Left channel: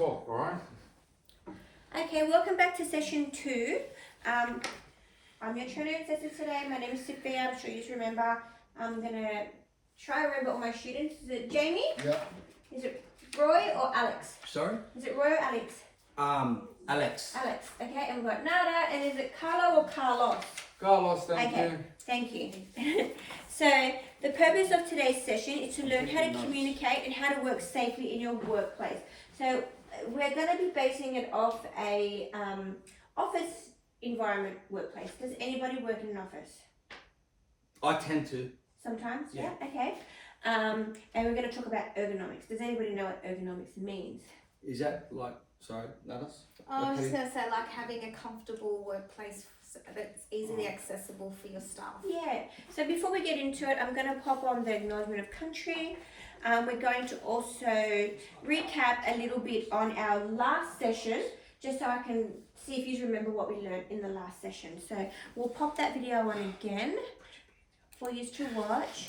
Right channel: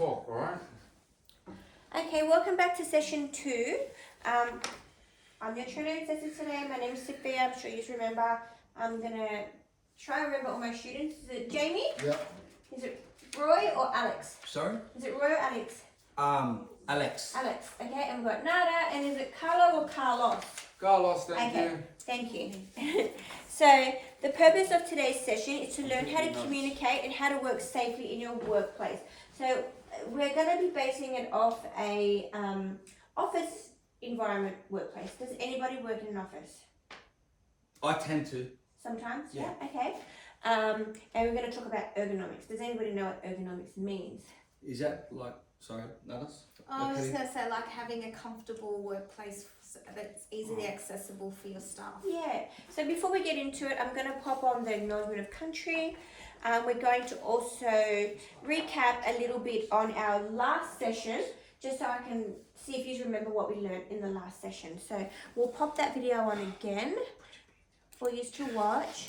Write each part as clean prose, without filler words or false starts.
talk, alright? Okay, welcome back to session 2. I'm your trainer assessor today. My name is Sophia. I'm sure you remember. I'm going to try and remember all my students. Is it Jamie? Yeah. Is it Roy or Alex? Sorry? Is it Roy or Alex? Alex. Alex. Okay, and we've got Nada. And is it Carlo or Carlos? Carlos, thank Okay. you. Thank you. So, the purpose of today's session is to learn how to communicate and how to work safely in your workplace. So, we're going to be basing it off a office environment workplace. Does anybody work in an office? I tend to. Sometimes? Yeah. Okay. And we're going to talk about ergonomics. Does anybody know what ergonomics means? Is that like, sorry, Nadas? I was just going to say, like having a comfortable workplace that's easily accessible for your staff. Yeah. So before we get into it, I'm going to pop on the acknowledgement of country. We're going to also recap a little bit on our last session, just so I can see if you remember what we learned in the last session. So we'll pop that video on again for you to watch.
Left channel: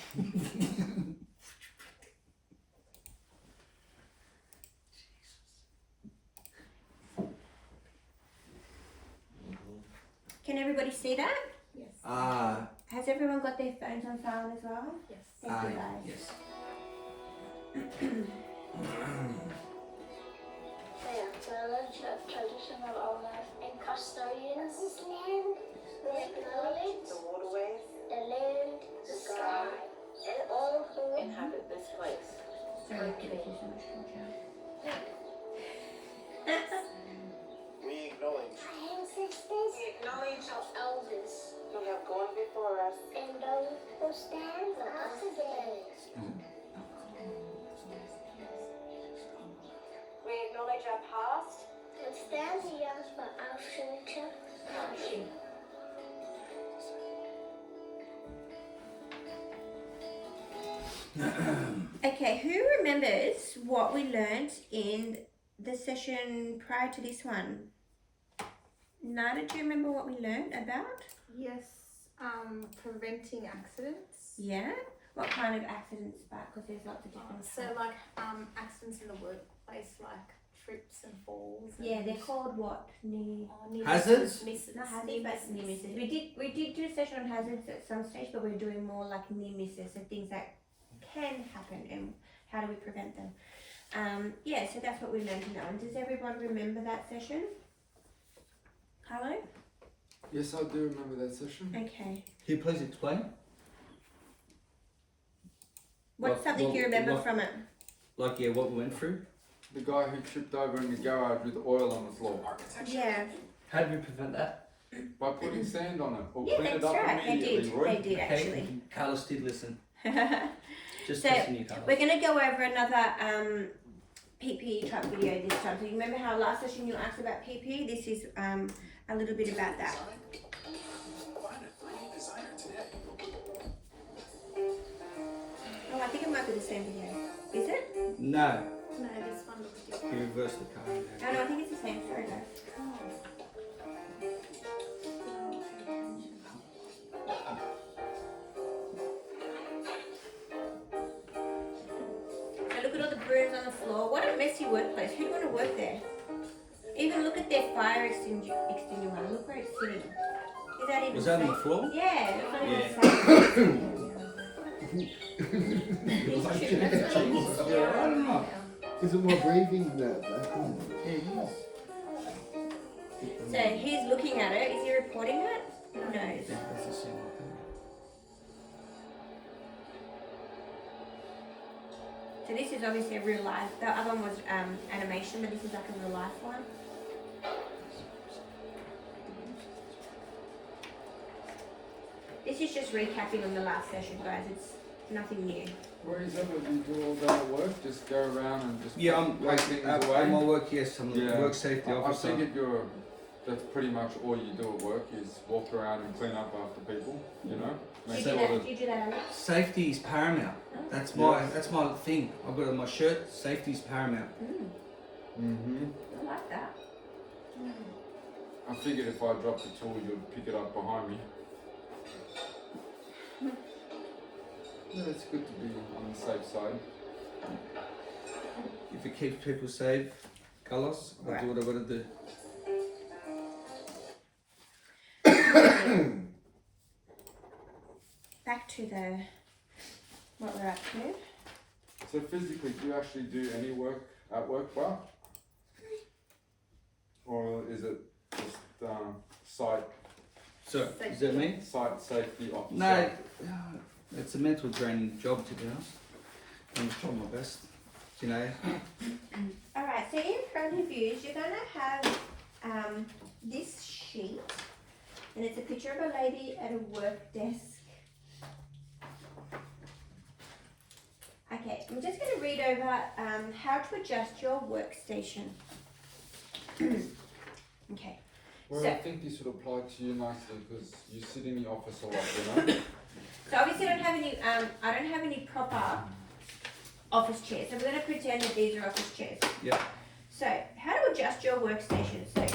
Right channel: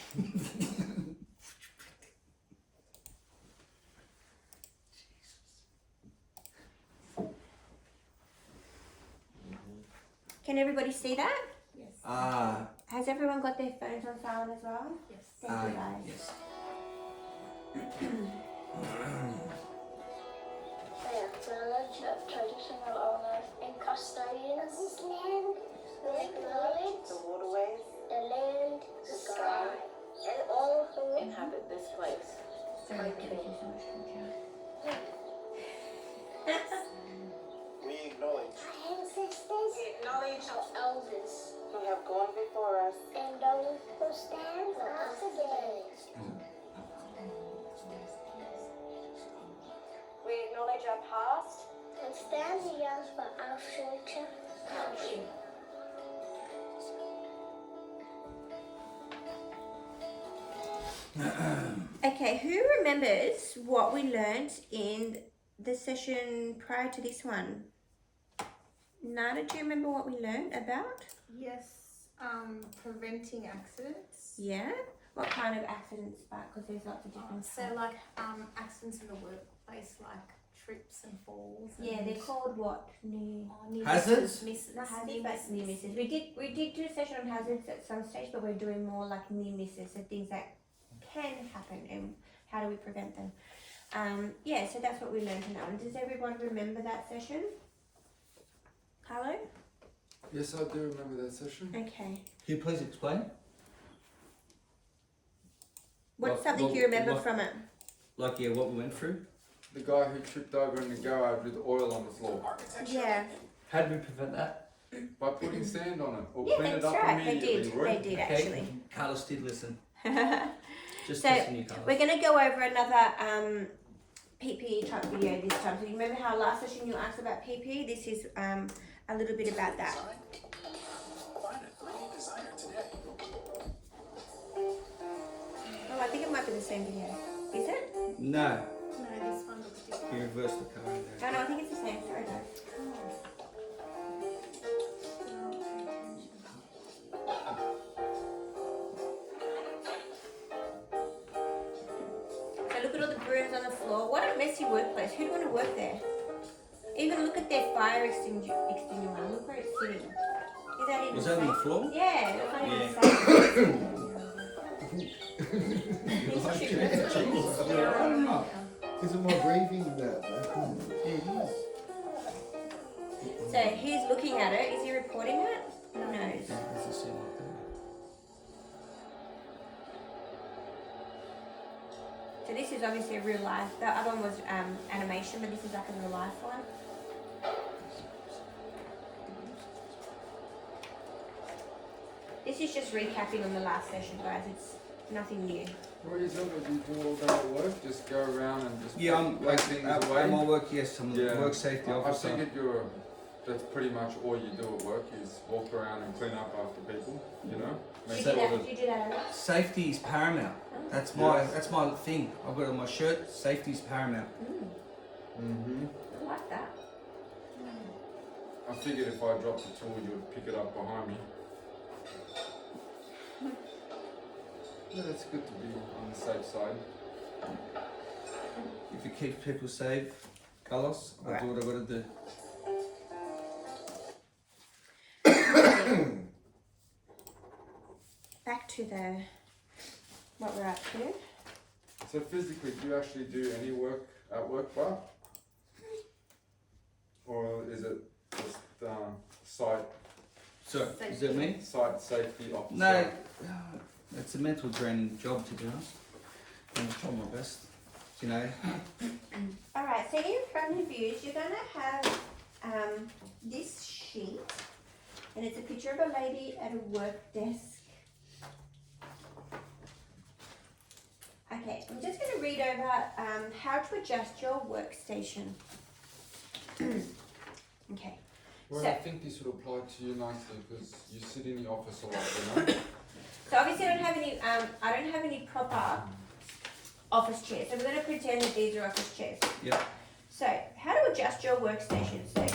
Can everybody see that? Yes. Has everyone got their phones on silent as well? Yes. Thank you guys. Yes. Village of traditional owners and custodians of this land, who acknowledge the waterways, the land, the sky, and all who inhabit this place. We acknowledge our ancestors, Acknowledge our elders, who have gone before us. and those who stand for us today. We acknowledge our past. And stand here for our future country. Okay, who remembers what we learned in the session prior to this one? Nada, do you remember what we learned about? Yes. Preventing accidents. Yeah? What kind of accidents? Because there's lots of different So kinds. like accidents in the workplace, like trips and falls. And Yeah, they're called what? Near... near Hazards? Misses. Not hazards, Near but near misses. misses. We did do a session on hazards at some stage, but we're doing more like near misses, so things that can happen and how do we prevent them. Yeah, so that's what we learned in that one. Does everyone remember that session? Carlo? Yes, I do remember that session. Okay. Can you please explain? What's something you remember from it? Like, yeah, what we went through? The guy who tripped over in the garage with oil on the floor. Yeah. How do we prevent that? By putting sand on it or Yeah, clean it that's up right. They immediately, did. Roy. They did Okay, actually. Carlos did listen. Just So, testing you, Carlos. We're going to go over another PPE type video this time. So you remember how last session you asked about PPE? This is a little bit about that. find a great designer today. Oh, I think it might be the same video. Is it? No, No, this one looks different. you reverse the car in there. No, I think it's the same. Sorry, guys. So look at all the brooms on the floor. What a messy workplace. Who'd want to work there? Even look at their fire extinguisher. Look where it's sitting. Is that even Was that on the safe? floor? Yeah, that's not even Yeah. safe. Yeah. Is it my breathing now? So he's looking at it. Is he recording it? No. That's the same one. So this is obviously a real life. The other one was animation, but this is like a real life one. This is just recapping on the last session, guys. It's nothing new. Roy, is that what you do all day at work? Just go around and just Yeah, I'm take like, things at away? my work, yes, I'm Yeah. a work safety I officer. figured that's pretty much all you do at work is walk around and clean up after people, you know? Make You sure do that that, you do that a lot? Safety is paramount. That's my thing. I've got it on my shirt. Safety is paramount. Mm-hmm. I like that. I figured if I dropped the tool, you'd pick it up behind me. Yeah, it's good to be on the safe side. If it keeps people safe, Carlos, I'll do what I gotta do. Back to what we're up to. So physically, do you actually do any work at work bar? Or is it just site So, is that me? safety officer? No, it's a mental draining job, to be honest. I'm trying my best, you know. Alright, so in front of you, you're going to have this sheet, and it's a picture of a lady at a work desk. Okay, I'm just going to read over how to adjust your workstation. Okay. Well, So- I think this would apply to you nicely because you sit in the office a lot, you know? So obviously I don't have any proper office chairs. So we're going to pretend that these are office chairs. Yep. So how to adjust your workstation. So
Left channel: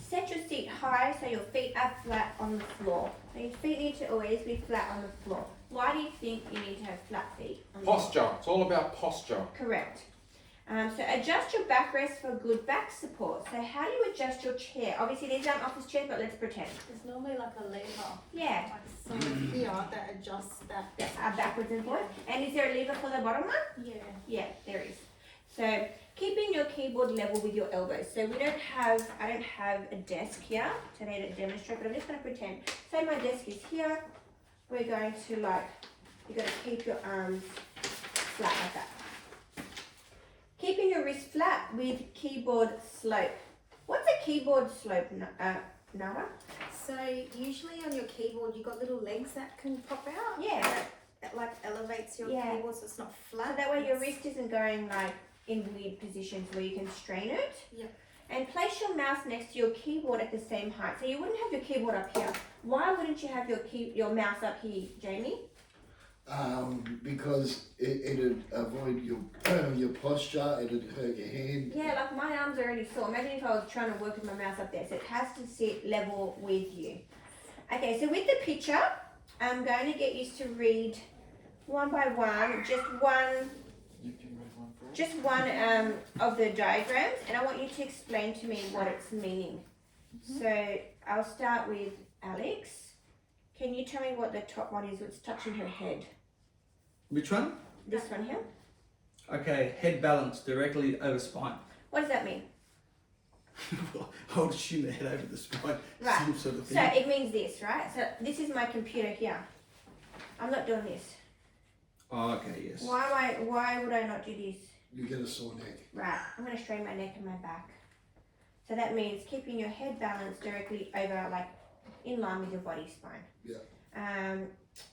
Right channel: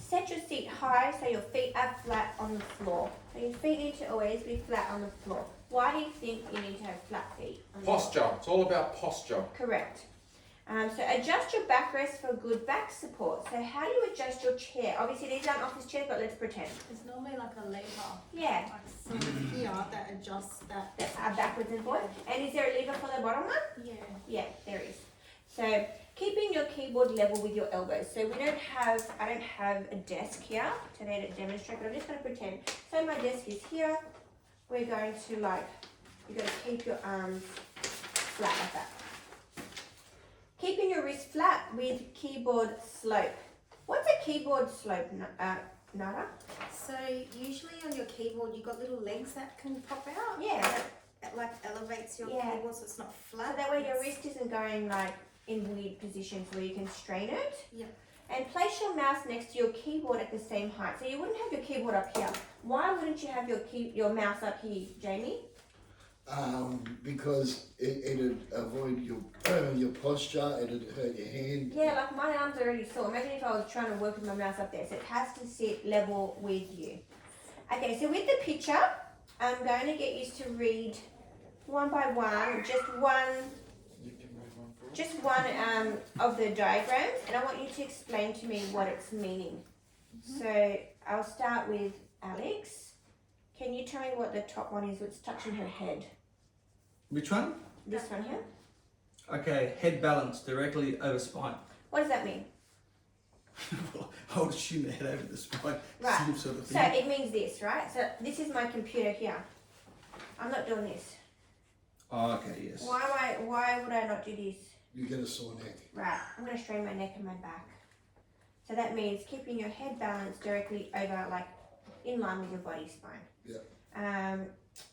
set your seat high so your feet are flat on the floor. So your feet need to always be flat on the floor. Why do you think you need to have flat feet? On the floor? Posture. It's all about posture. Correct. So adjust your backrest for good back support. So how do you adjust your chair? Obviously these aren't office chairs, but let's pretend. There's normally like a lever, Yeah. like sort of here that adjusts that. Backwards and forwards. And is there a lever for the bottom one? Yeah. Yeah, there is. So keeping your keyboard level with your elbows. So I don't have a desk here to be able to demonstrate, but I'm just going to pretend. So my desk is here. We're going to you're going to keep your arms flat like that. Keeping your wrist flat with keyboard slope. What's a keyboard slope, Nara? So usually on your keyboard you've got little legs that can pop out. Yeah. That like elevates your Yeah. keyboard so it's not So flat. that way your It's- wrist isn't going like in weird positions where you can strain it. Yep. And place your mouse next to your keyboard at the same height. So you wouldn't have your keyboard up here. Why wouldn't you have your mouse up here, Jamie? Because it'd avoid your posture, it'd hurt your hand. Yeah, like my arms are really sore. Imagine if I was trying to work with my mouse up there. So it has to sit level with you. Okay, so with the picture, I'm going to get used to read one by one, just one You can read one for us. just one of the diagrams, and I want you to explain to me what it's meaning. So I'll start with Alex. Can you tell me what the top one is? What's touching her head? Which one? This one here. Okay, head balance directly over spine. What does that mean? I would assume the head over the spine, Right. same sort of So thing. it means this, right? So this is my computer here. I'm not doing this. Oh, okay, yes. Why would I not do this? You get a sore neck. Right, I'm going to strain my neck and my back. So that means keeping your head balanced directly over, like, in line with your body spine. Yeah.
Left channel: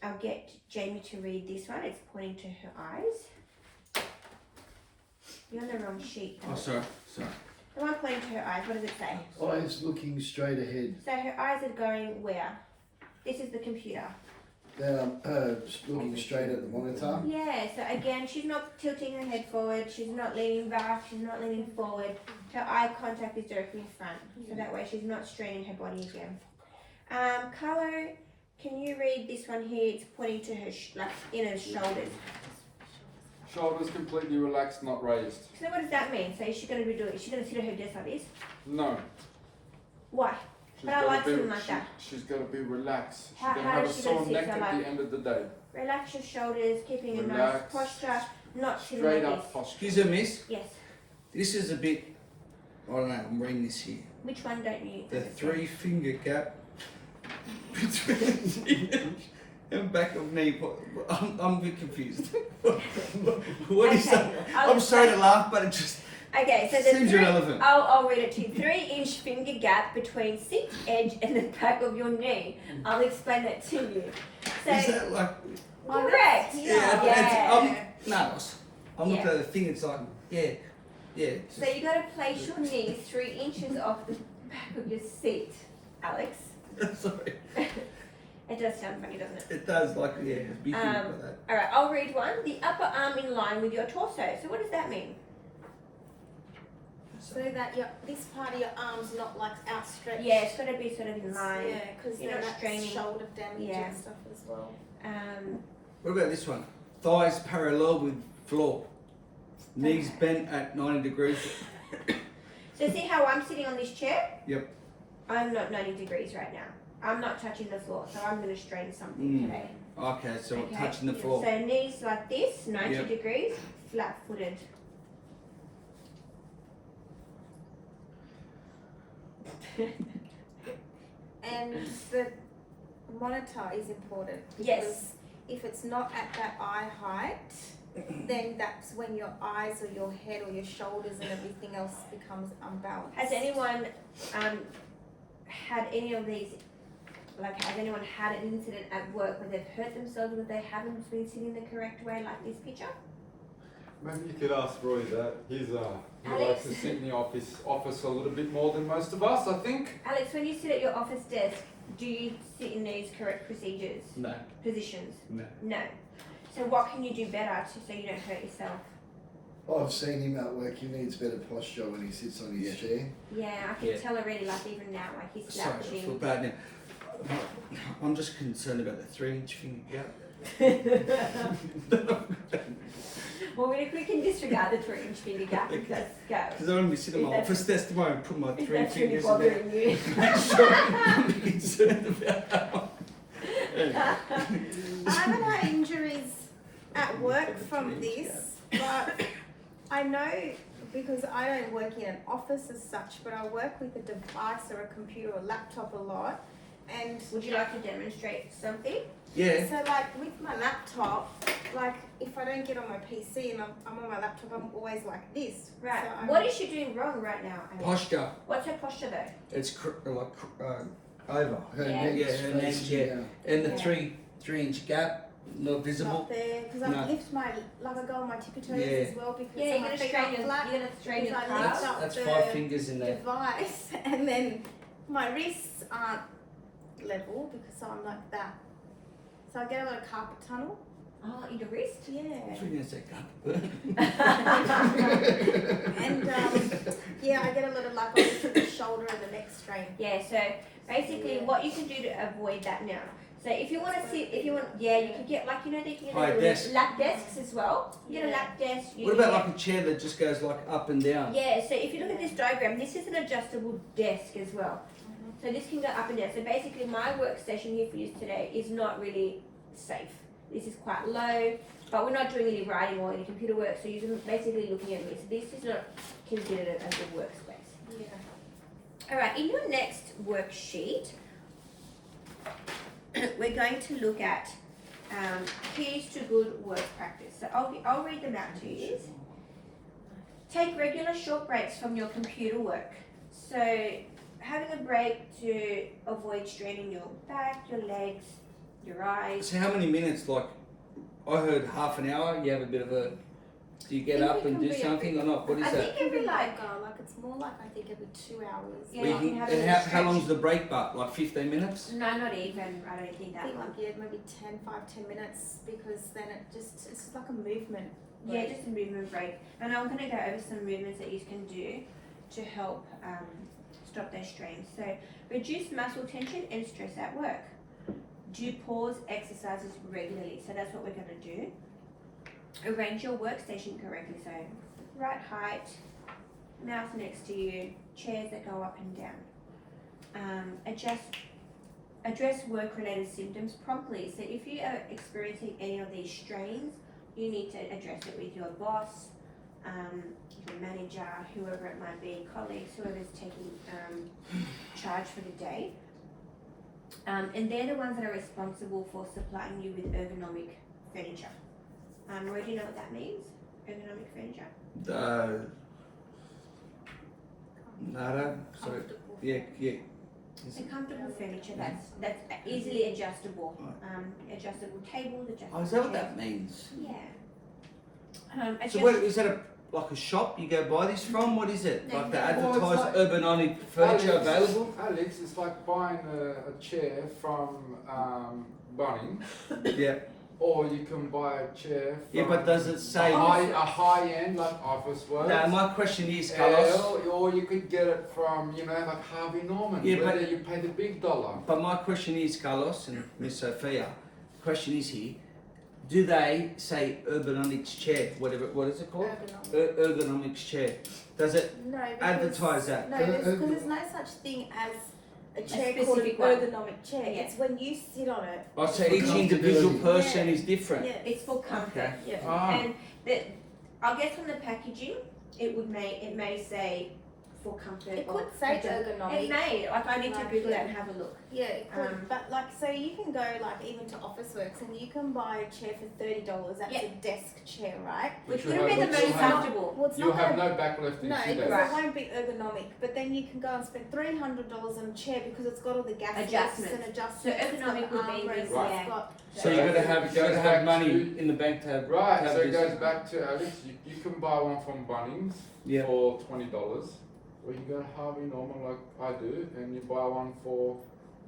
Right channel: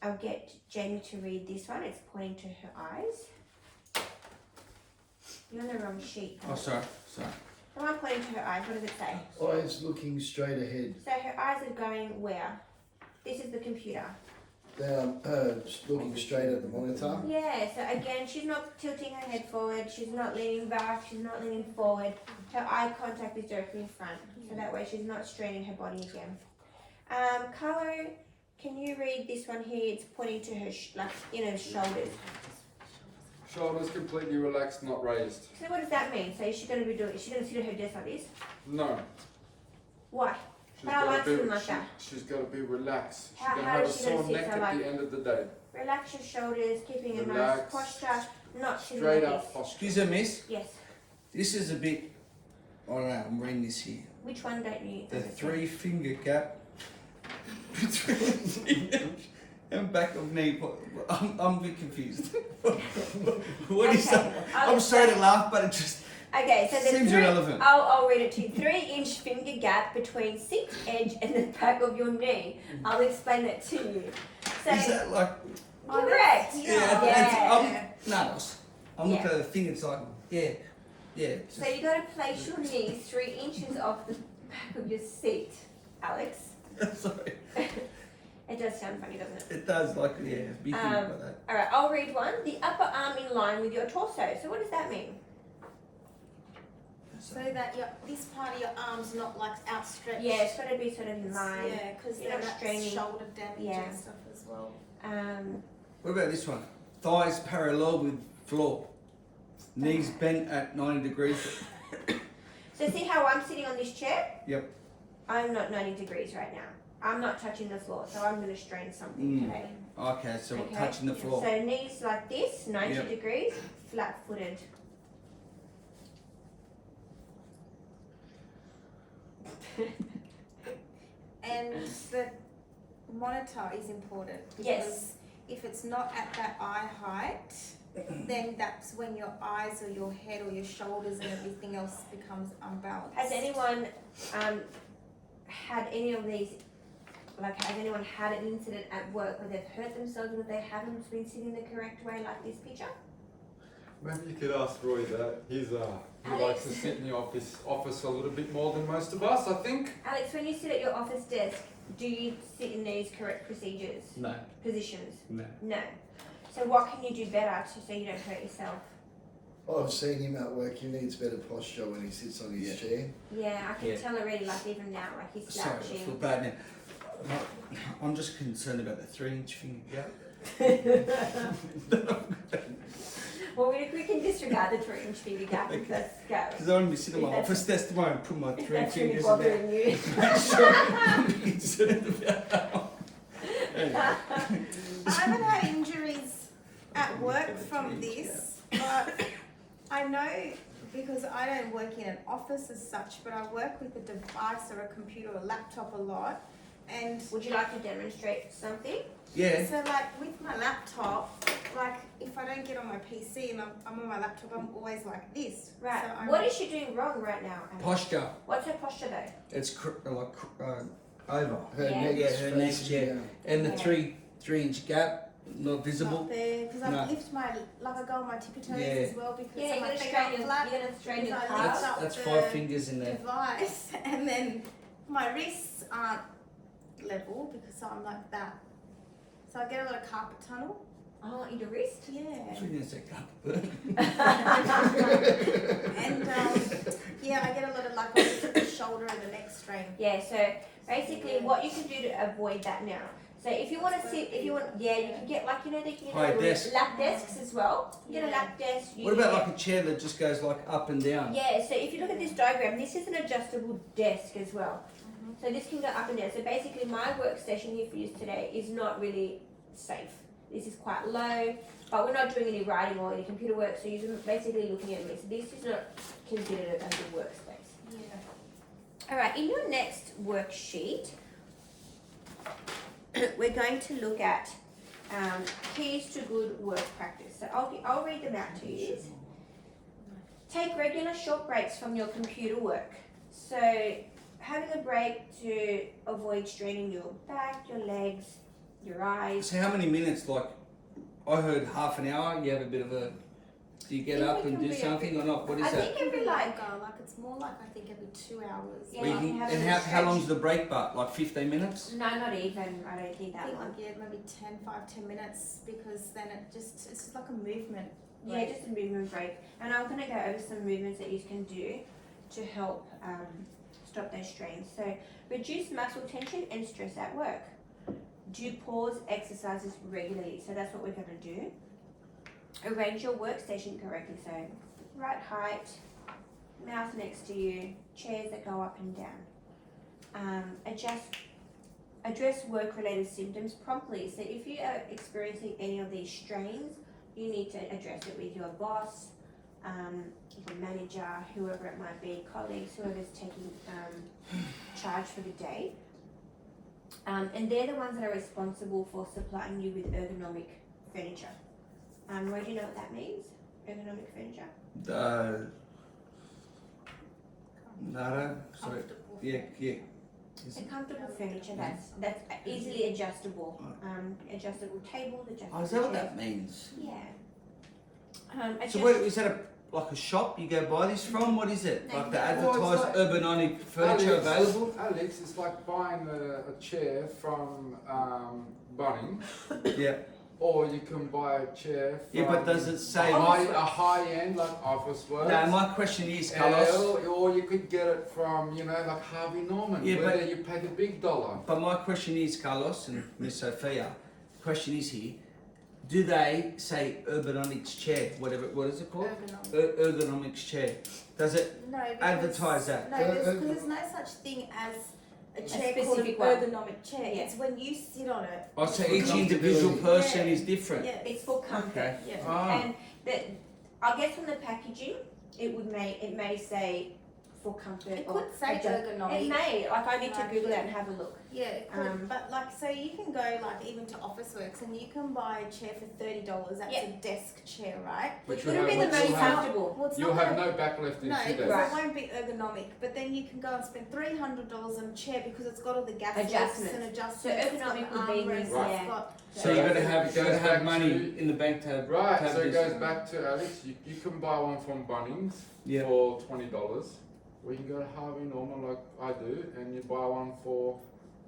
I'll get Jamie to read this one. It's pointing to her eyes. You're on the wrong sheet. Oh, sorry. The one pointing to her eyes, what does it say? Eyes looking straight ahead. So her eyes are going where? This is the computer. They're looking straight at the monitor. Yeah, so again, she's not tilting her head forward, she's not leaning back, she's not leaning forward. Her eye contact is directly in front, so that way she's not straining her body again. Carlo, can you read this one here? It's pointing to her inner shoulders. Shoulders completely relaxed, not raised. So what does that mean? So is she going to be doing? Is she going to sit at her desk like this? No. Why? She's But I gotta like be, sitting like that. She's got to be relaxed. She's How- going to how have a is she sore gonna sit neck so at like- the end of the day. Relax your shoulders, keeping a nice Relax. posture, not sitting Straight like up this. posture. Excuse me, miss. Yes. This is a bit, I don't know, I'm reading this here. Which one don't you? The understand? 3-finger gap between the chin and back of knee. I'm a bit confused. What is Okay, that? I'll I'm sorry to laugh, but it just Okay, so the seems irrelevant. I'll read it to you. 3-inch finger gap between seat edge and the back of your knee. I'll explain that to you. So, Is that like, correct. yeah, no, I'm Yeah. looking at the thing, it's like, yeah. It's So you got to place your knees 3 inches off the back of your seat, Alex. just, sorry. It does sound funny, doesn't it? It does, like, yeah, be thinking about that. All right, I'll read one. The upper arm in line with your torso. So what does that mean? So that this part of your arm's not like outstretched. Yeah, it's got to be sort of in line. Yeah, because You're then not that's straining. shoulder damage Yeah. and stuff as well. What about this one? Thighs parallel with floor. Knees bent at 90 degrees. So see how I'm sitting on this chair? Yep. I'm not 90 degrees right now. I'm not touching the floor, so I'm going to strain something today. Okay, so Okay. touching the floor. So knees like this, 90 Yep. degrees, flat-footed. And the monitor is important because Yes. if it's not at that eye height, then that's when your eyes or your head or your shoulders and everything else becomes unbalanced. Has anyone had any of these, like has anyone had an incident at work where they've hurt themselves because they haven't been sitting the correct way like this picture? Maybe you could ask Roy that. He Alex. likes to sit in the office a little bit more than most of us, I think. Alex, when you sit at your office desk, do you sit in these correct procedures, No. positions? No. No. So what can you do better so you don't hurt yourself? I've seen him at work. He needs better posture when he sits on his chair. Yeah, I can Yeah. tell already, like even now, like he's Sorry, I feel slouching. bad now. I'm just concerned about the 3-inch finger gap. Well, we can disregard the 3-inch finger gap. Let's go. Because I'm going to sit in my If that's- office desk tomorrow and put my If 3 that's really fingers in there. bothering you. Make sure I'm concerned about that one. I haven't had injuries at work from this, but I know because I don't work in an office as such, but I work with a device or a computer or laptop a lot. And Would you like to demonstrate something? Yeah. so like with my laptop, like if I don't get on my PC and I'm on my laptop, I'm always like this. Right. So I'm, What is she doing wrong right now? Alex? Posture. What's her posture though? It's over. Her Yeah. neck's Yeah, her neck, facing yeah. down. And the Yeah. 3-inch gap, not visible. not there because I No. lift my like I go on my tippy toes Yeah. as well because Yeah, so you're my gonna feet strain are your, flat. you're gonna strain your because I calves. lift up That's the 5 fingers in there. device and then my wrists aren't level because I'm like that. So I get a lot of carpal tunnel. Oh, in your wrist? Yeah. I was going to say gap. And yeah, I get a lot of like obviously the shoulder and the neck strain. Yeah, so basically Yeah. what you can do to avoid that now. So if you want to sit, if you want, yeah, you can get like, you know, they can High get desk. lap desks as well. You get a Yeah. lap desk. You What can about get- like a chair that just goes like up and down? Yeah, so if you look at this diagram, this is an adjustable desk as well. So this can go up and down. So basically my workstation here for you today is not really safe. This is quite low, but we're not doing any writing or any computer work, so you're basically looking at me. So this is not considered as a workspace. Yeah. Alright, in your next worksheet, we're going to look at keys to good work practice. So I'll read them out to you. Take regular short breaks from your computer work. So having a break to avoid straining your back, your legs, your eyes. So how many minutes? Like, I heard half an hour. You have a bit of a. Do you get think up we and can do be something or not? What is I that? think every like, Like it's more like I think every 2 hours. Yeah, Where like you you can- have and a how stretch. long's the break part? Like 15 minutes? no, not even. I don't think I that think long. like yeah, maybe 10 minutes because then it's just like a movement. Yeah, break. just a movement break. And I'm going to go over some movements that you can do to help stop those strains. So reduce muscle tension and stress at work. Do pause exercises regularly. So that's what we're going to do. Arrange your workstation correctly. So right height, mouse next to you, chairs that go up and down. Address work-related symptoms promptly. So if you are experiencing any of these strains, you need to address it with your boss, your manager, whoever it might be, colleagues, whoever's taking charge for the day. And they're the ones that are responsible for supplying you with ergonomic furniture. Roy, do you know what that means? Ergonomic furniture? Nada. Sorry. Comfortable. Yeah, yeah. So comfortable furniture that's easily adjustable. Adjustable tables, adjustable Oh, is that what chairs. that means? Yeah. So Adjust- what, is that like a shop you go buy this from? What is it? Like the Well, it's advertised like- Urbanonic furniture available? Alex, it's like buying a chair from Bunnings, Yeah. or you can buy a chair from Yeah, but does it say? a high-end like Office Works. No, my question is, Carlos. Or you could get it from, like Harvey Norman, Yeah, where but- you pay the big dollar. But my question is, Carlos and Miss Sophia, the question is here, do they say ergonomics chair, whatever, what is it called? Ergonomic. Ergonomics chair. Does it No, because, advertise that? No, because there's no such thing as a chair called an specific one. ergonomic chair. Yeah. It's when you sit on it. Oh, so each individual person Yeah. is different. Yes. It's for comfort. Okay. Yeah. Ah. And I guess on the packaging, it may say for comfort. It or could say adjust- ergonomic. It may. Like I need to Like, Google yeah. that and have a look. Yeah, it could. Um, But like, so you can go like even to Officeworks and you can buy a chair for $30. That's Yeah. a desk chair, right? Which you would have have- been the which most you have- comfortable. Well, it's You'll not have gonna. no back left in No, 2 because days. Right. it won't be ergonomic. But then you can go and spend $300 on a chair because it's got all the gas lifts Adjustments. and adjustments. So it's got ergonomic the would be armrests, in Right. it's got. So you gotta have It goes back money to- in the bank to have Right, to have so it this. goes back to Alex. You can buy one from Bunnings Yeah. for $20, or you can go to Harvey Norman like I do, and you buy one for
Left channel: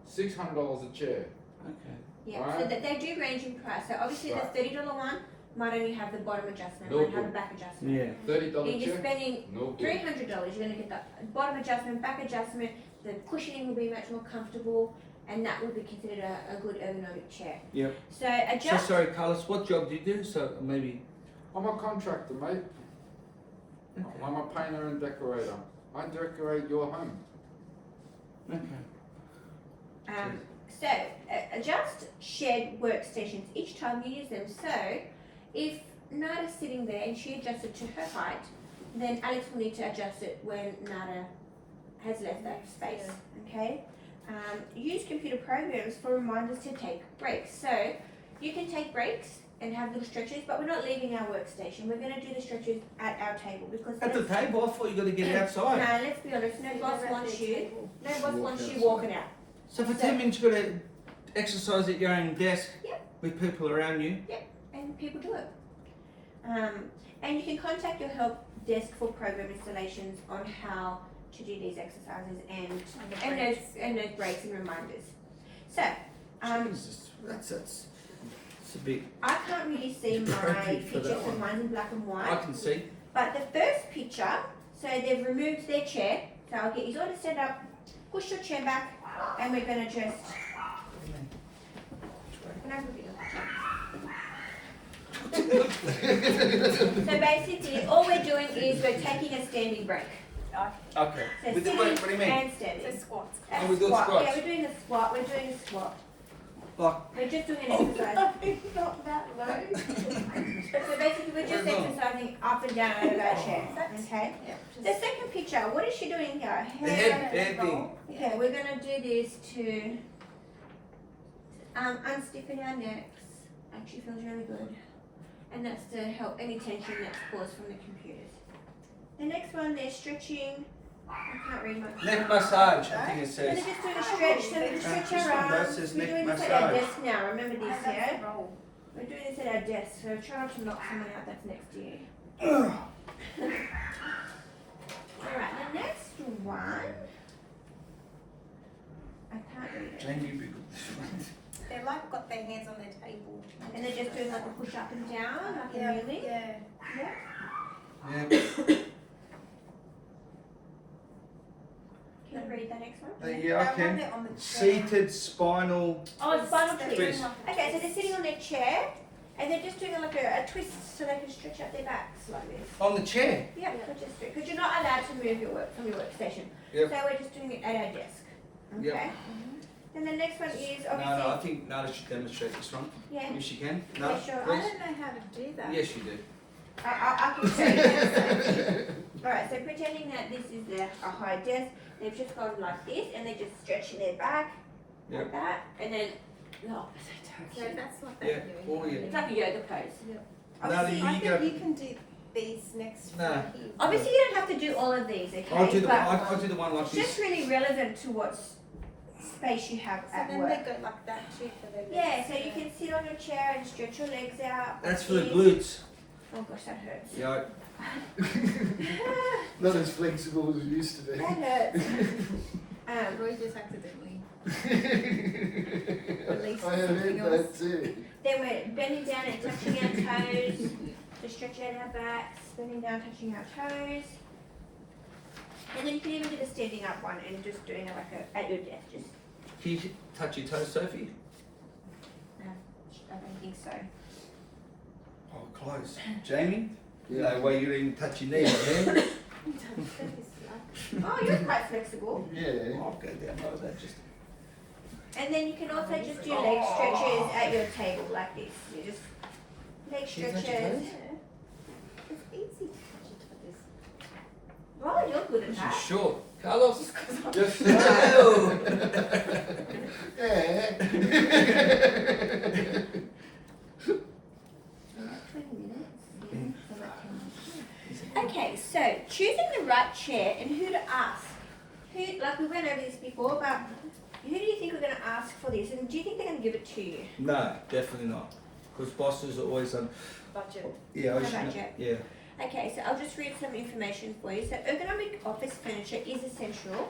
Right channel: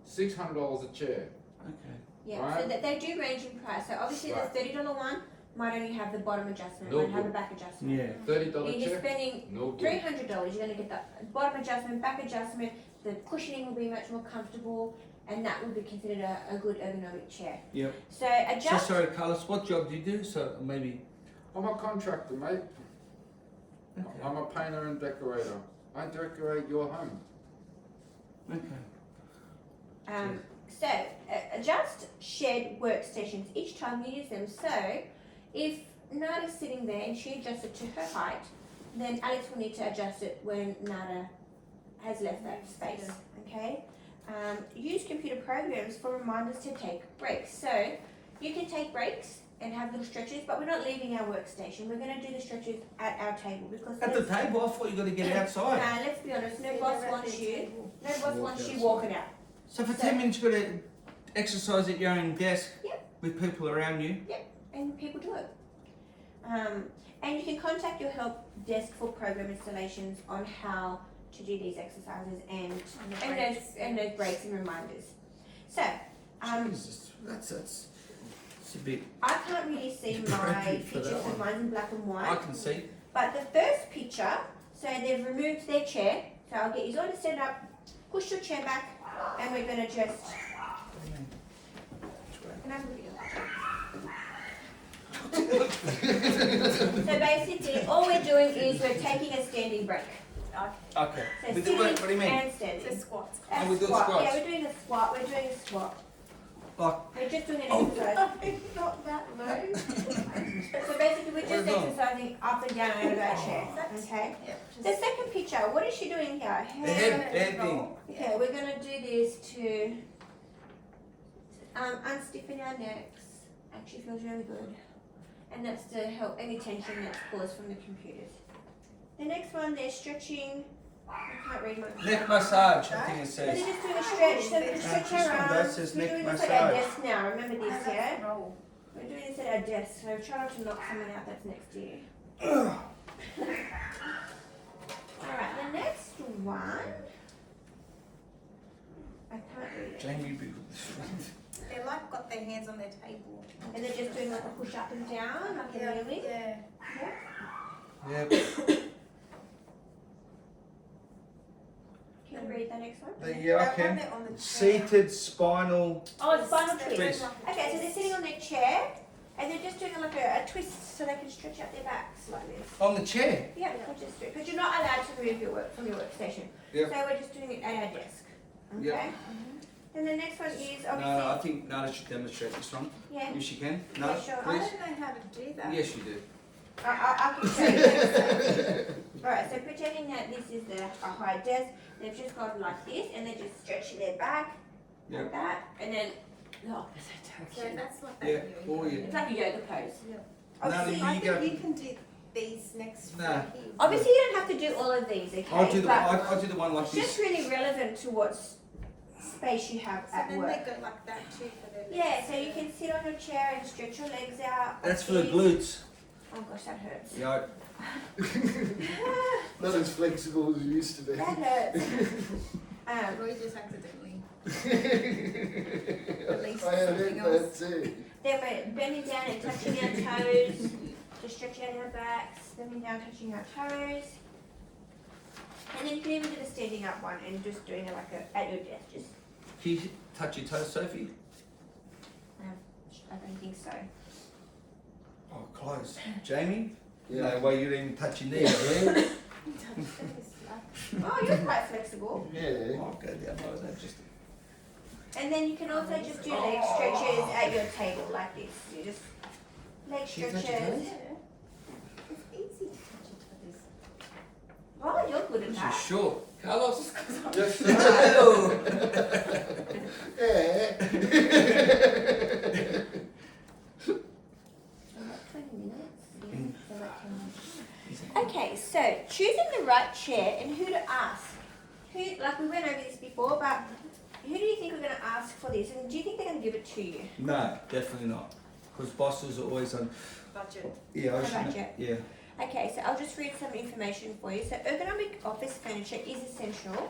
$600 a chair. Okay. Yeah, so Right. that they do range in price. So obviously Right. the $30 one might only have the bottom adjustment, No won't have good. the back adjustment. Yeah. $30 You're just chair, spending no good. $300. You're going to get the bottom adjustment, back adjustment. The cushioning will be much more comfortable, and that would be considered a good ergonomic chair. Yep. So So adjust. sorry, Carlos, what job do you do? So maybe. I'm a contractor, mate. Okay. I'm a painter and decorator. I decorate your home. Okay. So adjust shared workstations each time you use them. So if Nada's sitting there and she adjusts it to her height, then Alex will need to adjust it when Nada has left that space. Okay. Use computer programs for reminders to take breaks. So you can take breaks and have little stretches, but we're not leaving our workstation. We're going to do the stretches at our table because At the table, I thought you got to get it outside. No, let's be honest. No boss wants you. No boss Walk wants you outside. walking out. So for 10 minutes, you got to exercise at your own desk Yep. with people around you. And people do it. And you can contact your help desk for program installations on how to do these exercises and those breaks and reminders. So, Jesus, that's it's a bit. I can't really see my Appropriate for that pictures one. of mine in black and I white, can see. but the first picture, so they've removed their chair. So I'll get you all to stand up, push your chair back, and we're going to just. Can I have a video? So basically, all we're doing is we're taking a standing break. Okay. So With the, sitting what do you mean? and So standing. squats. Oh, we do Squat. squats. Yeah, we're doing a squat. We're doing a squat. Like, We're just doing an exercise. Not that low. So basically, we're just Where's on? exercising up and down over our chair. Okay. Yeah. The second picture. What is she doing here? the head thing. Okay, we're gonna do this to unstiffen our necks. Actually feels really good. And that's to help any tension that's caused from the computers. The next one, they're stretching. I can't read my. Neck massage, I think it So they're says. just doing a stretch, so we can stretch this one our does arms. says We're neck doing this at our massage. desk now. Remember this, And yeah? that's a roll. We're doing this at our desk, so try not to knock someone out that's next to you. Alright, the next one. I can't read it. Jamie, be with this one. They're like got their hands on their table. And they're just doing like a push up and down, like Yeah. a really. Yeah. Yeah. Can you read that next one? Yeah, I That one can. they're on the chair. Seated spinal. Oh, it's spinal They're twist. doing Twist. like Okay, so they're sitting on their chair and they're just doing like a twist so they can stretch out their backs like this. On the chair. Yeah, because you're not allowed to move your work from your workstation. Yep. So we're just doing it at our desk. Okay. Yep. Then the next one is No, obviously. I think Nada should demonstrate this one. Yeah. If she can. No, Yeah, sure. I please. don't know how to do that. Yes, you do. I can show you. Alright, so pretending that this is a high desk, they've just gone like this and they're just stretching their back Yep. like that, and then oh, So that's what Yeah. they're doing. Oh, yeah. it's like a yoga pose. Yeah. Nada, Obviously, I you think go. you can do these next Nah. few here. obviously you don't have to do all of these, okay? I'll do the But I'll do the one like it's just this. really relevant to what space you have So at then work. they go like that too for their legs. Yeah, so you can sit on your chair and stretch your legs out. That's for the like glutes. this. Oh gosh, that hurts. Yeah. Not as flexible as it used to be. That hurts. Roy just accidentally. I Release heard something that else. too. Then we're bending down and touching our toes to stretch out our backs, bending down, touching our toes. And then you can even do the standing up one and just doing it like at your desk. Just, Can you touch your toes, Sophie? I don't think so. Oh, close. Jamie? Yeah. No way you'd even touch your knee. Yeah. Oh, you're quite flexible. Yeah. I'll go down low. That just. And then you can also just do leg stretches at your table like this. You just leg She's touched your stretches. toes? It's easy to touch it like this. Oh, you're good at She's that. short. Carlos, just No. Yeah. 20 minutes. Okay, so choosing the right chair and who to ask. Who, like we went over this before, but who do you think we're going to ask for this? And do you think they're going to give it to you? No, definitely not. Because bosses are always on. Budget. Yeah, I A should know. budget. Yeah. Okay, so I'll just read some information for you. So ergonomic office furniture is essential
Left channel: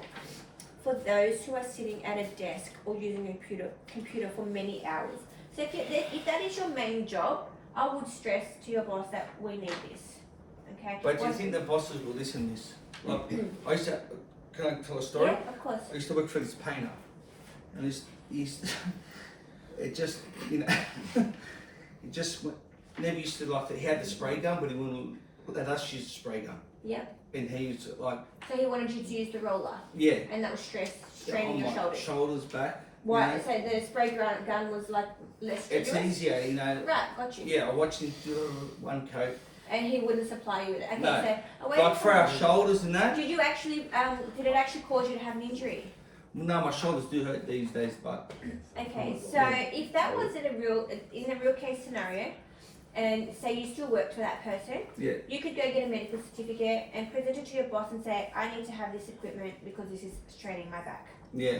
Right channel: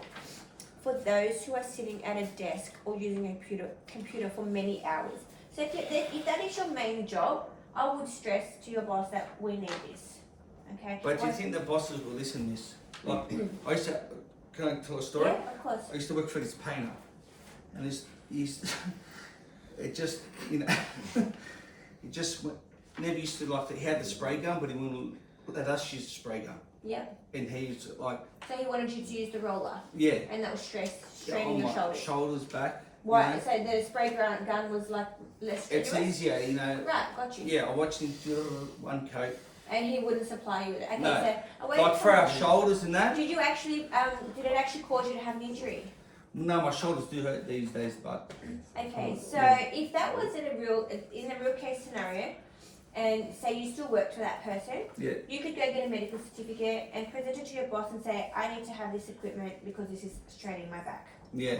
for those who are sitting at a desk or using a computer for many hours. So if that is your main job, I would stress to your boss that we need this. Okay. But do you Once- think the bosses will listen to this? Like, I used to. Can I tell a story? Yeah, of course. I used to work for this painter, and he's it just, you know, it just never used to like. He had the spray gun, but he wouldn't let us use the spray gun. Yep. And he used to, like, So he wanted you to use the roller, yeah, and that was straining on your my shoulders. shoulders back. you Right. know. So the spray gun was like less It's strenuous? easier, you know. Right. Got you. Yeah, I watched him do one coat, And he wouldn't supply you with it. Okay. No. So away like for from- our shoulders and that. Did you actually? Did it actually cause you to have an injury? No, my shoulders do hurt these days, but Okay, so if that was in a real case scenario, and say you still worked for that person, yeah, you could go get a medical certificate and present it to your boss and say, I need to have this equipment because this is straining my back. yeah.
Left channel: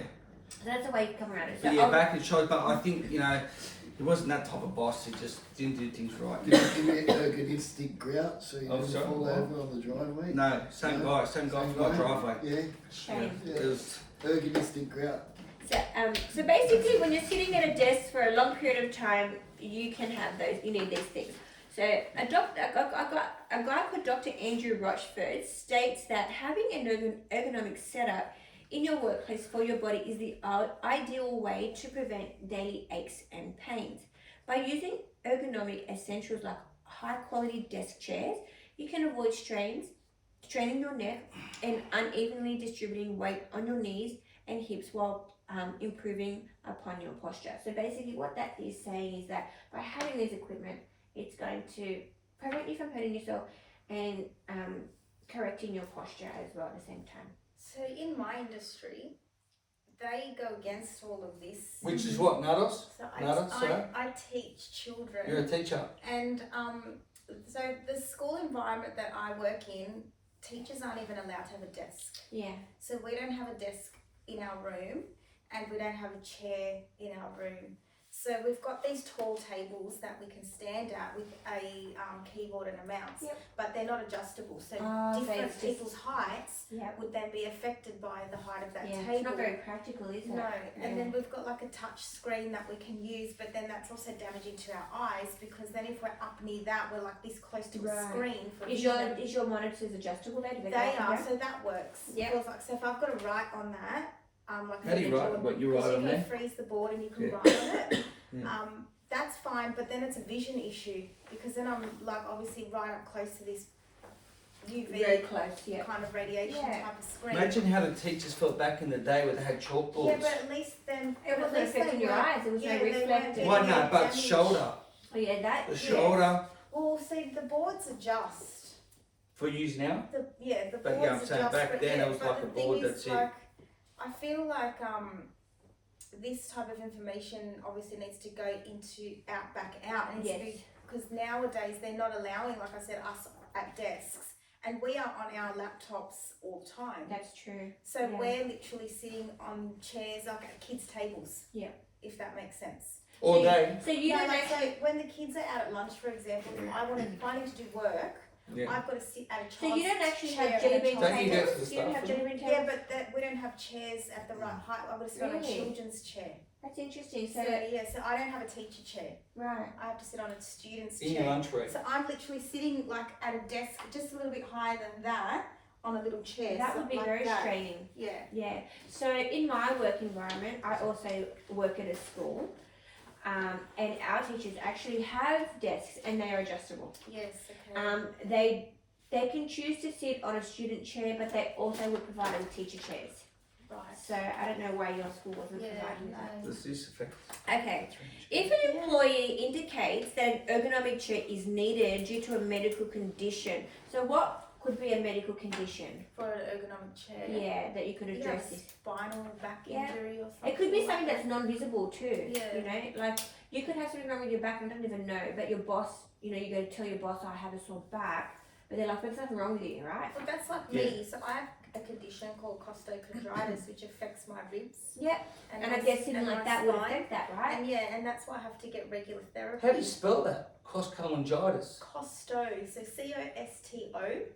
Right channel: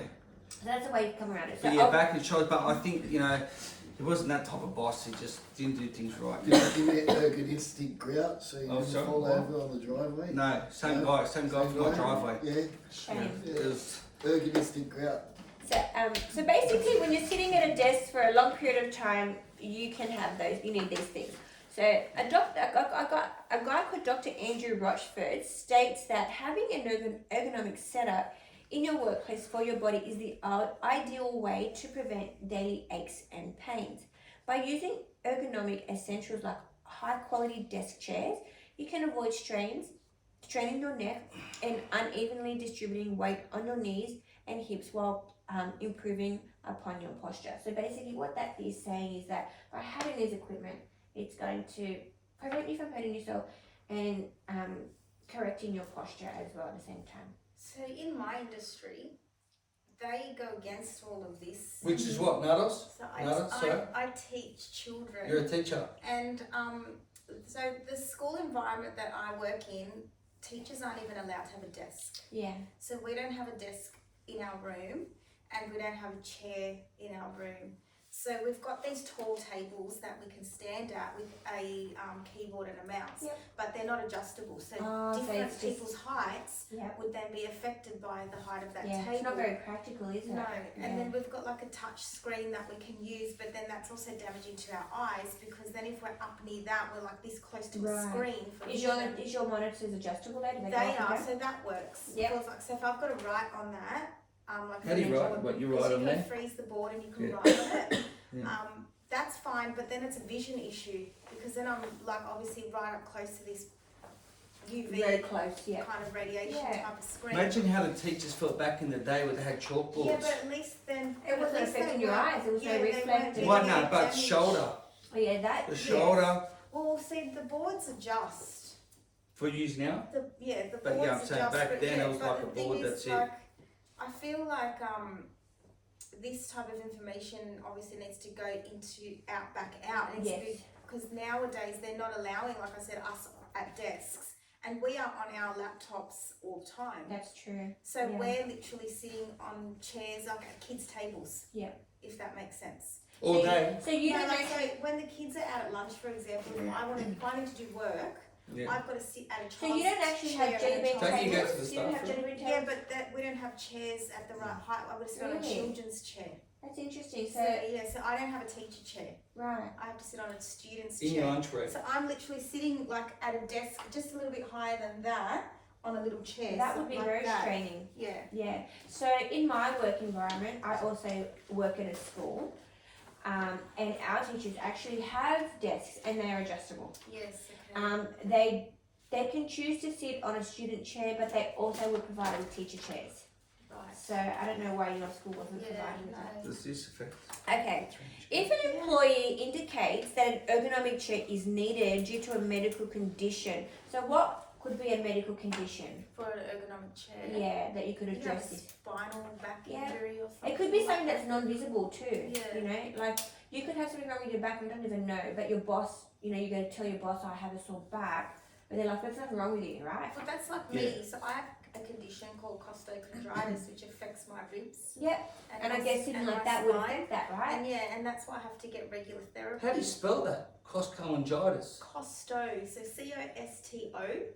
So that's a way you come around it. So But yeah, back and shoulders. But I think, you know, he wasn't that type of boss. He just didn't do things right. Did you give it ergonistic grout so you Oh, didn't sorry, fall what? over on the driveway? No, same No? guy for my driveway. Yeah. shame. It was, Ergonistic grout. So basically, when you're sitting at a desk for a long period of time, you can have those. You need these things. So a guy called Dr. Andrew Rochford states that having an ergonomic setup in your workplace for your body is the ideal way to prevent daily aches and pains. By using ergonomic essentials like high quality desk chairs, you can avoid straining your neck and unevenly distributing weight on your knees and hips while improving upon your posture. So basically what that is saying is that by having this equipment, it's going to prevent you from hurting yourself and correcting your posture as well at the same time. So in my industry, they go against all of this. which is what, Nados? So Nada, sorry? I teach children. You're a teacher. And so the school environment that I work in, teachers aren't even allowed to have a desk. Yeah. So we don't have a desk in our room, and we don't have a chair in our room. So we've got these tall tables that we can stand at with a keyboard and a mouse, Yep. but they're not adjustable. So Oh, so different it's just- people's heights Yeah. would then be affected by the height of that Yeah. table. It's not very practical, is it? No, Yeah. and then we've got like a touch screen that we can use, but then that's also damaging to our eyes because then if we're up near that, we're like this close to a Right. screen for Is vision. your monitors adjustable though? Do They go up and are, down? so that works. Yep. Feels like, so if I've got to write on that, like How do you mentioned, write? What, you because write on you can there? freeze the board and you can Yeah. write on it. Yeah. That's fine, but then it's a vision issue because then I'm like obviously right up close to this UV Very close, yeah. kind of radiation Yeah. type of screen. Imagine how the teachers felt back in the day when they had chalkboards. Yeah, but at least then It but wasn't at least affecting they your weren't- eyes, it was no yeah, they reflect. weren't getting Why any not? But damage. shoulder. Oh yeah, that. The yes. shoulder Well, see, the boards adjust. for use now. The But yeah, boards I'm saying adjust. back but then yeah, it was but like the a thing board, is, that's it. like, I feel like this type of information obviously needs to go into back out. It needs to Yes. be, because nowadays they're not allowing, like I said, us at desks, and we are on our laptops all the time. That's true. So yeah. we're literally sitting on chairs like at kids' tables. Yeah. If that makes sense. All day. So you No, don't like, actually. so when the kids are out at lunch, for example, if I need to do work, Yeah. I've got to sit at a child's So you don't actually have chair at a jelly bean child's Don't you go tables. to the You don't have staff jelly bean tables. Yeah, but we don't have chairs at the right height. I've got to sit on a Really? children's chair. That's interesting. So so I don't have a teacher chair. Right. I have to sit on a student's In your chair. lunch break. So I'm literally sitting like at a desk just a little bit higher than that on a little chair. That would be like very that. straining. Yeah. Yeah. So in my work environment, I also work at a school. and our teachers actually have desks and they are adjustable. Yes, okay. They can choose to sit on a student chair, but they also would provide with teacher chairs. Right. So I don't know why your school wasn't Yeah, providing that. no. Does this affect? Okay. If an employee indicates that an ergonomic chair is needed due to a medical condition, so what could be a medical condition? For an ergonomic chair. Yeah, that you could You have address a this. spinal back Yeah. injury or something. It could be like something that's that. non-visible too. Yeah. You know, like you could have something wrong with your back and don't even know, but your boss, you know, you go to tell your boss, I have a sore back, but they're like, there's nothing wrong with you, right? Well, that's like me. So I have a condition called costochondritis, which affects my ribs. Yeah, and I my- guess something and like my that would spine. affect that, right? And yeah, and that's why I have to get regular therapy. How do you spell that? Costochondritis. Costo, so COSTO is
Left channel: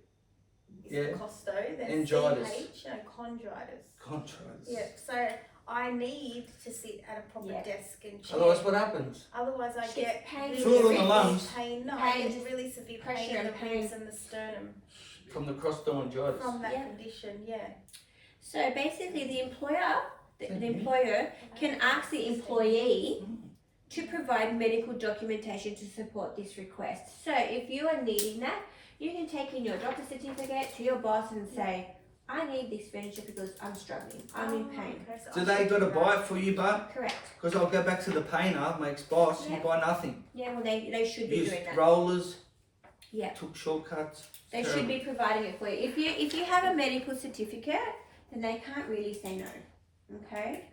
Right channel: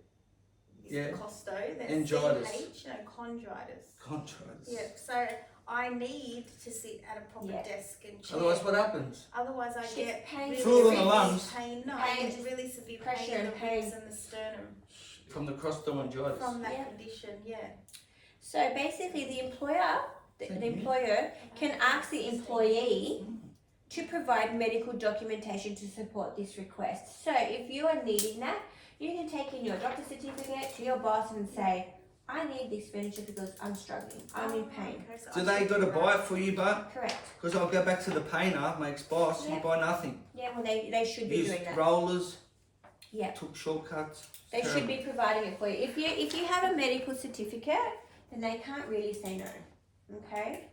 Yeah. costo, then Angitis. CH, no, chondritis. Chondritis. Yeah, so I need to sit at a proper Yeah. desk and chair. Otherwise, what happens? Otherwise I She's get pain. really Fluid on the severe lungs. pain. No, I Pain, get just really severe pressure pain in the and pain. ribs and the sternum From the costochondritis. from that Yeah. condition, yeah. So basically, the employer, the Thank you. employer can ask the employee to provide medical documentation to support this request. So if you are needing that, you can take in your doctor's certificate to your boss and say, I need this furniture because I'm struggling, I'm in pain. Okay, so Do I they should got to do buy that. it for you, but Correct. because I'll go back to the painter, my ex-boss, Yeah. you buy nothing. Yeah, well, they should be Used doing that. rollers. Yeah. Took shortcuts. They Terrible. should be providing it for you. If you have a medical certificate, then they can't really say no. Okay?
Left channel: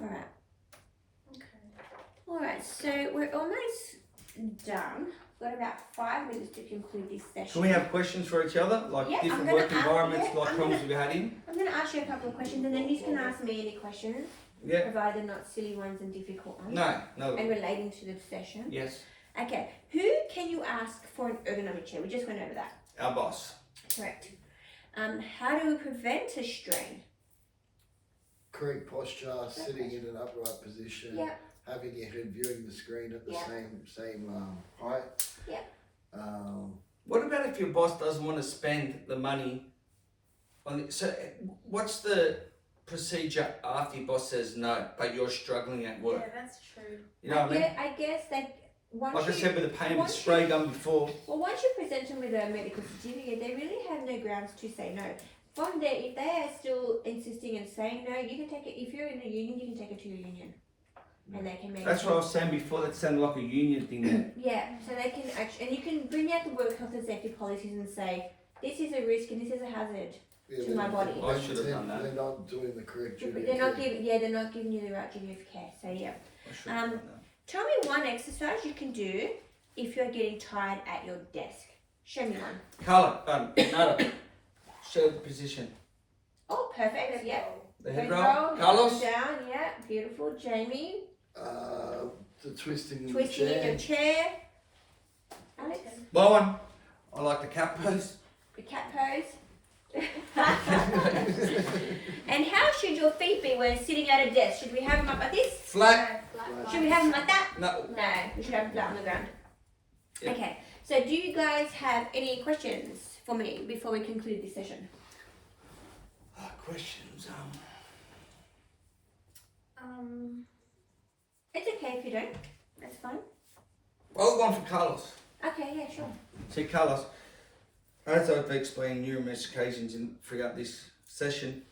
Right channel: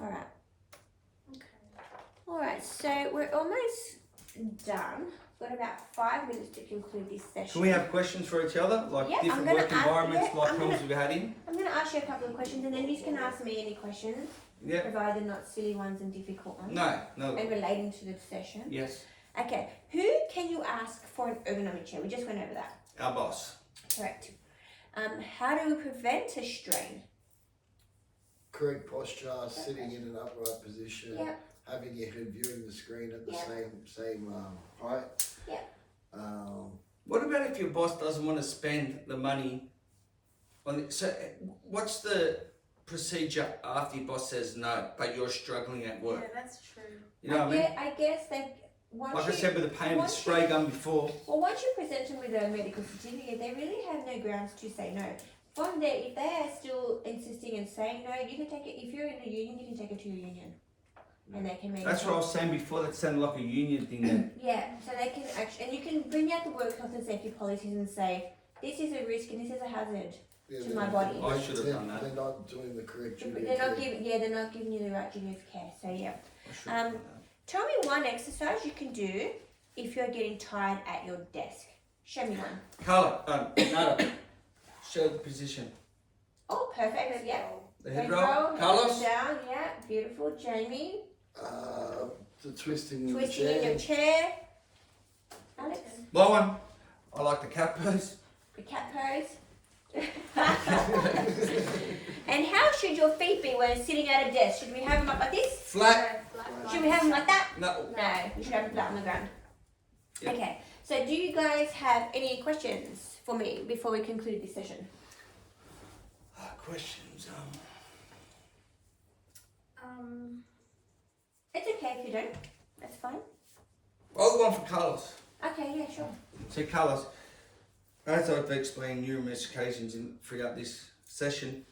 Alright. Okay. Alright, so we're almost done. We've got about 5 minutes to conclude this session. Can we have questions for each other, like Yeah, I'm different gonna work ask- environments, yeah, like I'm problems gonna- we've had in? I'm going to ask you a couple of questions and then you can ask me any questions, Yeah. provided not silly ones and difficult ones. No. No. And relating to the session. Yes. Okay, who can you ask for an ergonomic chair? We just went over that. Our boss. Correct. How do we prevent a strain? Correct posture, sitting in an upright position, Yeah. having your head viewing the screen at the Yeah. same height. Yeah. What about if your boss doesn't want to spend the money on it? So, what's the procedure after your boss says no, but you're struggling at work? Yeah, that's true. You know what I mean? Yeah, I guess that once Like I you, said with the pain with the once spray gun before. well, once you present them with a medical certificate, they really have no grounds to say no. From there, if they are still insisting and saying no, you can take it. If you're in a union, you can take it to your union, and they can make. That's what I was saying before. That sounded like a union thing. There. Yeah, so they can actually, and you can bring out the work health and safety policies and say, this is a risk and this is a hazard. Yeah, To my body. I should have done that. They're not doing the correct duty. They're of not care. giving, they're not giving you the right duty of care. So yeah, I should have done that. tell me one exercise you can do if you're getting tired at your desk. Show me one. Carla, Nada, show the position. Oh, perfect. Yeah. The head Head roll. roll, Carlos. down. Yeah, beautiful. Jamie, The twisting in twisting the in chair. your chair. Alex, Bowen. I like the cat pose. the cat pose. And how should your feet be when sitting at a desk? Should we have them up like this? Flat. Should we have them like that? No. No, we should have them flat on the ground. Yep. Okay, so do you guys have any questions for me before we conclude this session? Questions. It's okay if you don't. That's fine. Well, one for Carlos. Okay, yeah, sure. So, Carlos, as I've explained numerous occasions throughout this session,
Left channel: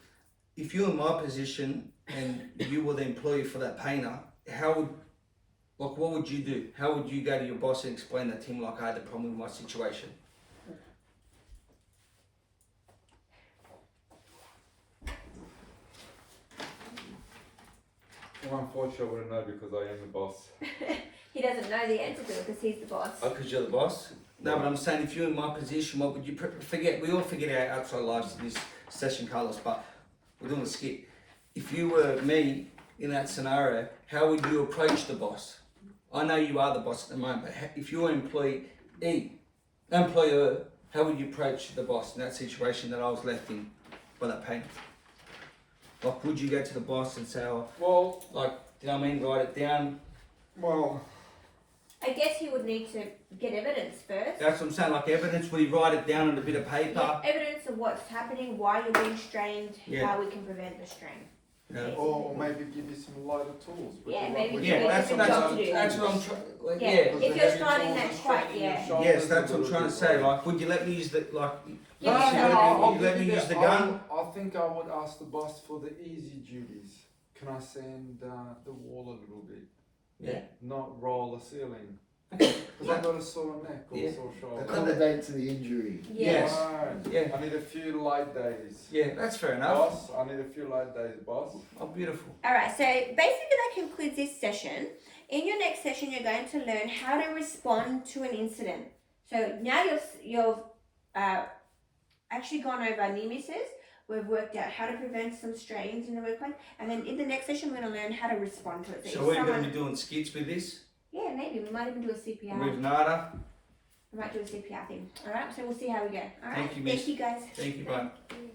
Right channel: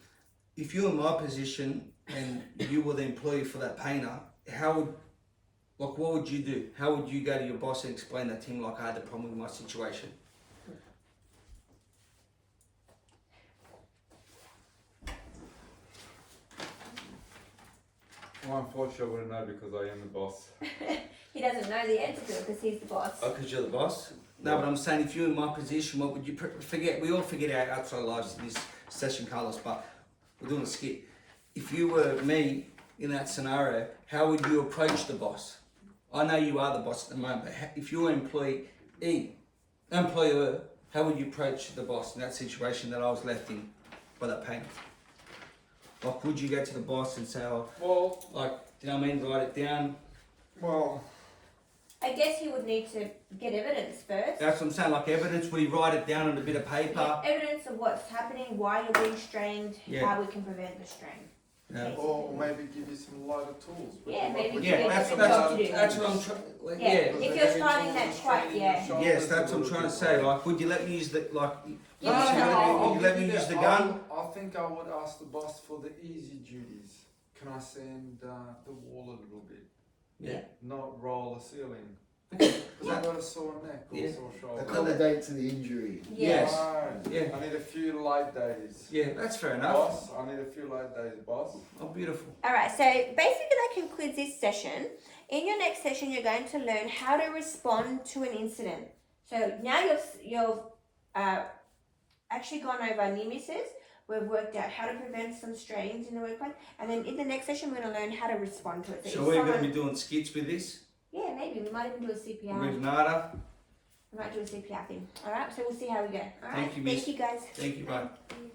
if you're in my position and you were the employee for that painter, what would you do? How would you go to your boss and explain that to him, like I had the problem with my situation? Well, unfortunately, I wouldn't know because I am the boss. He doesn't know the answer to it because he's the boss. Oh, because you're the boss? No, but I'm saying if you're in my position, what would you forget? We all forget our outside lives in this session, Carlos, but we're doing a skit. If you were me in that scenario, how would you approach the boss? I know you are the boss at the moment, but if you're an employer, how would you approach the boss in that situation that I was left in by that painter? Like, would you go to the boss and say, oh, Well, like, do you know what I mean? Write it down. well, I guess he would need to get evidence first. That's what I'm saying, like evidence. Would he write it down on a bit of paper? Yeah, evidence of what's happening, why you're being strained, Yeah. how we can prevent the strain. Or maybe give you some lighter tools. Yeah, maybe Would give you you like some some jobs to lighter do. that's what I'm tools? trying. Yeah. Yeah. Because If the you're heavy starting tools that are quite, straightening yeah. your shoulders Yes, a that's what I'm little trying to bit, say. right? Like, would you let me use the Yeah, you I'll let give me you use the that. gun? I think I would ask the boss for the easy duties. Can I sand the wall a little bit? Yeah. Not roll the ceiling. Because I've got a sore neck or Yeah. sore shoulder. Accommodate to the injury. Yes. Right. Yeah. I need a few light days. Yeah, that's fair enough. Boss, I need a few light days, boss. Oh, beautiful. Alright, so basically that concludes this session. In your next session, you're going to learn how to respond to an incident. So now you've actually gone over near misses. We've worked out how to prevent some strains in the workplace, and then in the next session, we're going to learn how to respond to it. So if we're going to someone- be doing skits with this, yeah, maybe we might even do a CPR. with Nada. We might do a CPR thing. Alright, so we'll see how we go. Alright, Thank you, miss. Thank you guys. Thank you, bye. Thank you.